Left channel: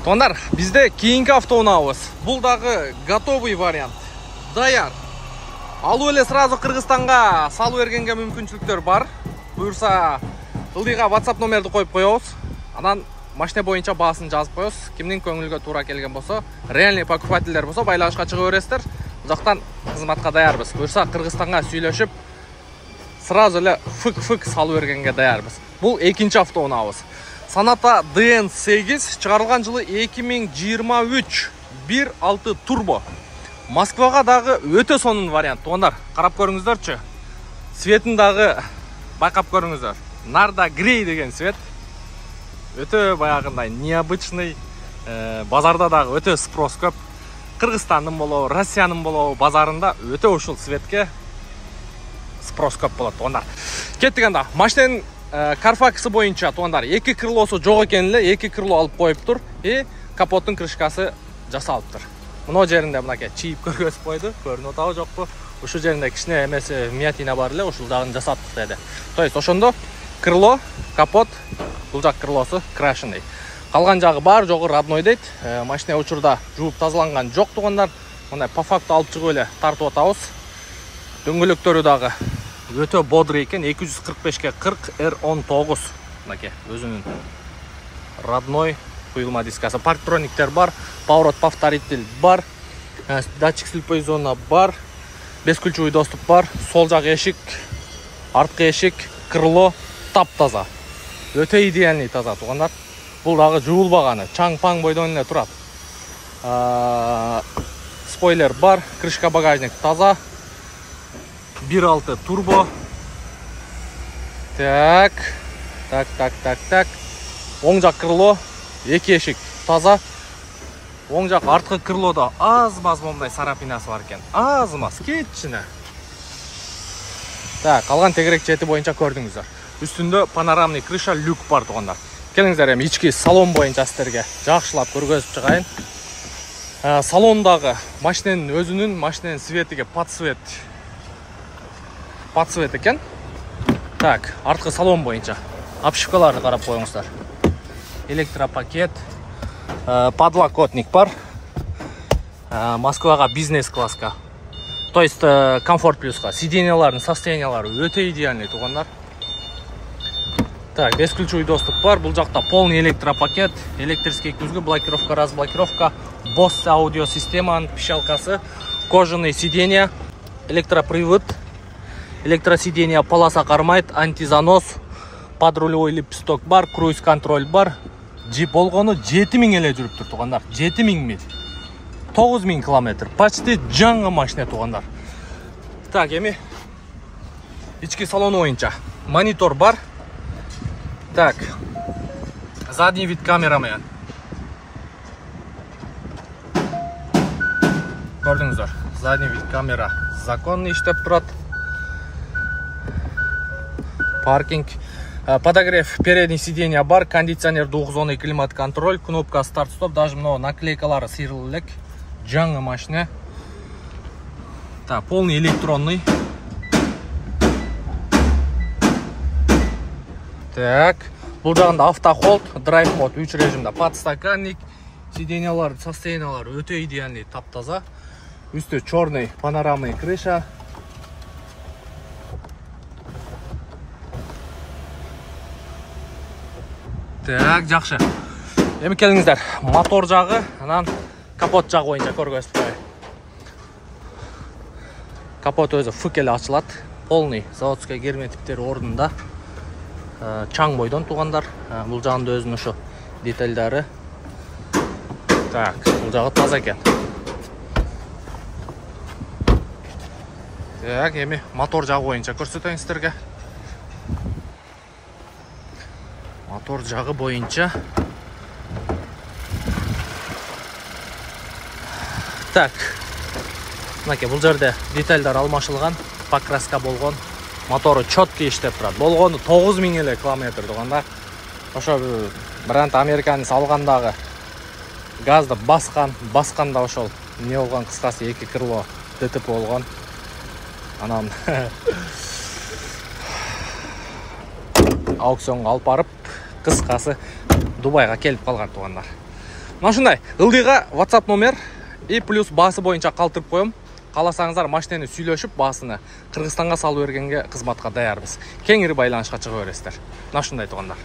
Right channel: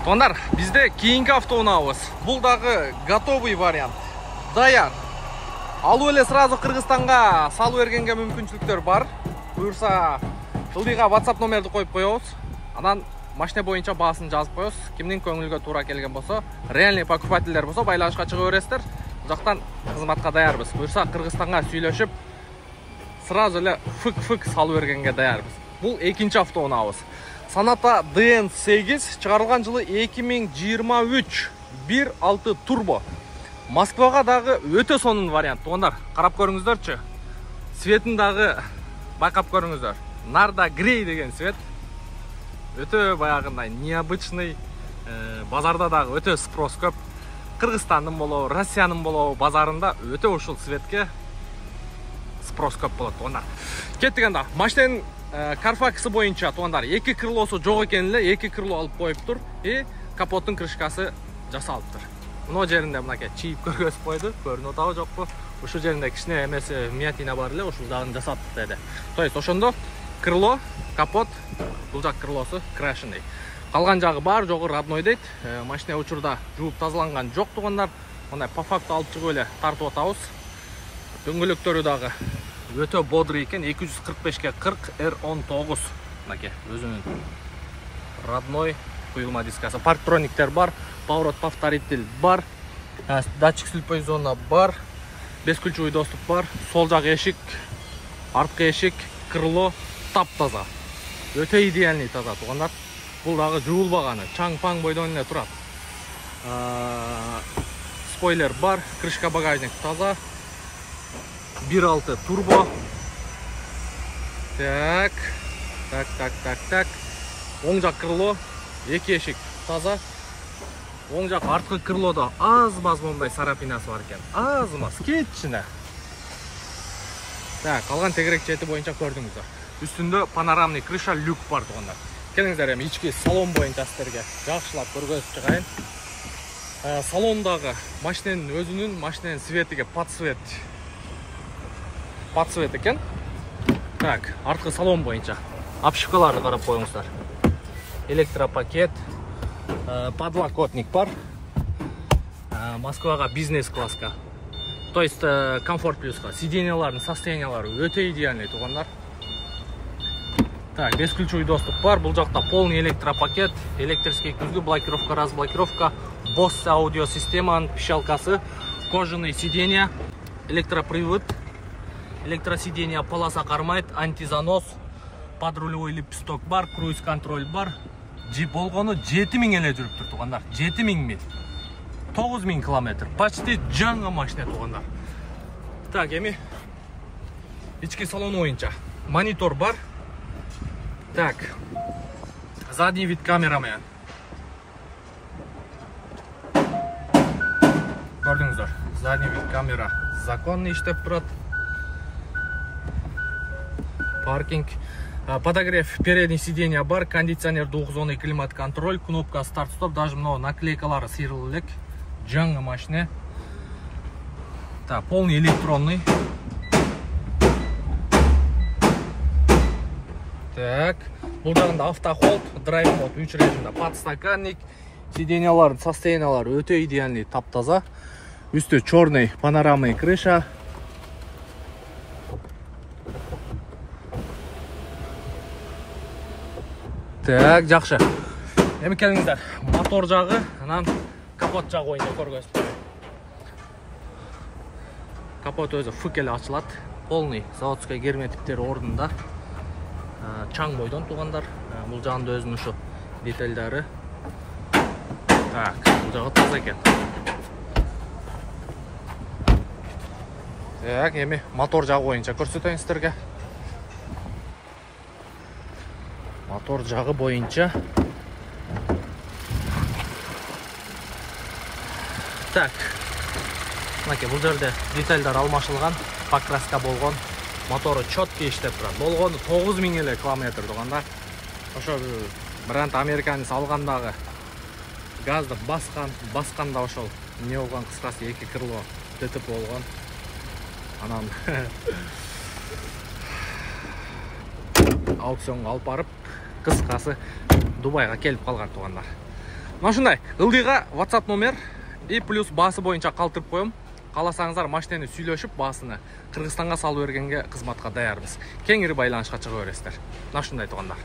Тондар, бізде кейінгі автоунаабыз. Бұл дағы готовый вариант. Даяр. Алу эле сразу Кыргызстанга салу бергенге мүмкүнчүлүктөр бар. Буюрса, ылдыйга WhatsApp номерди коюп коебуз. Анан машина боюнча баасын жазып коебуз. Кимдин көңүлгө туура келген болсо, реальный покупательдер болсо байланышка чыга бересиздер. Бузактан кызматка даярбыз. Буюрса, Кыргызстанга сүйлөшүп, сразу эле фык салу бергенге даярбыз. Бул экинчи автоунаабыз. Sonata DN8 чыгарылган жылы 2023 1.6 турбо. Москвага дагы өтө сонун вариант. Тугандар, карап көрүңүздөрчү. Светин дагы байкап көрүңүздөр. Нарда грей деген свет. Өтө баягындай необычный, базарда дагы өтө спрос көп. Кыргызстандын болобу, Россиянын болобу базарында өтө ушул светке спрос көп болот. Тугандар, кеттик анда. Машинанын Карфаксы боюнча тугандар 2 крылосу жок экен эле, 2 крыло алып коюптур и капоттун крышкасы жасалыптыр. Мына жеринде мынакей чийип көргөзүп койду, көрүнүп атабы жокпу? Ушул жеринде кичине эмеси миятина бар эле, ушул дагы жасаттык деди. То есть ошондо крыло, капот, бул жак крылосу крашеный. Калган жагы бар, жогу родной дейт. Машина учурда жууп тазаланган жок тугандар. Мындай по факту алып чыгып эле тартып атабыз. Дөңгөлөктөрү дагы өтө бодрый экен, 245-ке 40 R19. Мынакей өзүнүн родной куюлма дискасы. Парктрониктер бар, поворот повторитель бар, датчик слепой зона бар, бескульчевой доступ бар, сол жак эшик, арткы эшик, крыло таптаза. Өтө идеальный таза тугандар. Бул дагы жуулбаганы, чаң-паң бойдон эле турат. Спойлер бар, крышка багажник таза. 1.6 турбо. Так. Оң жак крыло, 2 эшик таза. Оң жак арткы крылода аз-маз момундай сарапинасы бар экен. Аз-маз, кечине. Так, калган тегерек чети боюнча көрдүңүздөр. Үстүндө панорамный крыша, люк бар тугандар. Келиңиздер, эми ички салон боюнча сиздерге жакшылап көргөзүп чыгайын. Салондагы машинанын өзүнүн машинанын светиге подсвет экен. Так, арткы салон боюнча обшивкаларды карап коюңуздар. Электропакет, подлокотник бар. Москвага бизнес класска. То есть комфорт плюска. Сиденьялардын состояниялары өтө идеальный тугандар. Так, бесключевой доступ бар. Бул жакта полный электропакет, электрический күзгү, блокировка, разблокировка, Bose аудио системанын пищалкасы, кожаный сиденья, электропривод, электросиденья полоса кармайт, антизанос, подрулевой лепесток бар, круиз контроль бар. Болгону 7000 эле жүрүптүр тугандар. 7000 миль. 9000 километр. Почти жаңы машина тугандар. Так, эми ички салону боюнча монитор бар. Так, задний вид камера менен. Көрдүңүздөр, задний вид камера законный иштеп турат. Паркинг, подогрев передний сиденья бар, кондиционер, двухзонный климат-контроль, кнопка старт-стоп, даже мына наклейкалары сыйрылып элек. Жаңы машина. Так, полный электронный. Так, бул жагында автохолд, драйв мод 3 режимде, подстаканник, сиденьялар, состояниялар өтө идеальный, таптаза. Үстү черный панорамный крыша. Так, жакшы. Эми келиңиздер, мотор жагы, анан капот жагы боюнча көргөзүп коеюн. Капот өзү фык эле ачылат. Полный заводской герметиптери ордунда. Чаң бойдон тугандар. Бул жагында өзүнүн ушу детальдары. Так, бул жагы таза экен. Так, эми мотор жагы боюнча көрсөтөйүн сиздерге. Мотор жагы боюнча. Так. Мынакей бул жерде детальдар алмашылган, покраска болгон. Мотору чөттү иштеп турат. Болгону 9000 эле километр тугандар. Ошо бренд американец алгандагы газды басканда ошол не болгон, кыскасы 2 крыло ДТП болгон. Анан аукционга алып барып, кыскасы Дубайга келип калган тугандар. Мына ушундай ылдыйга WhatsApp номер и плюс баасы боюнча калтырып коем. Кааласаңыздар машинени сүйлөшүп баасыны Кыргызстанга салып бергенге кызматка даярбыз. Кеңири байланышка чыга бересиздер. Мына ушундай туугандар.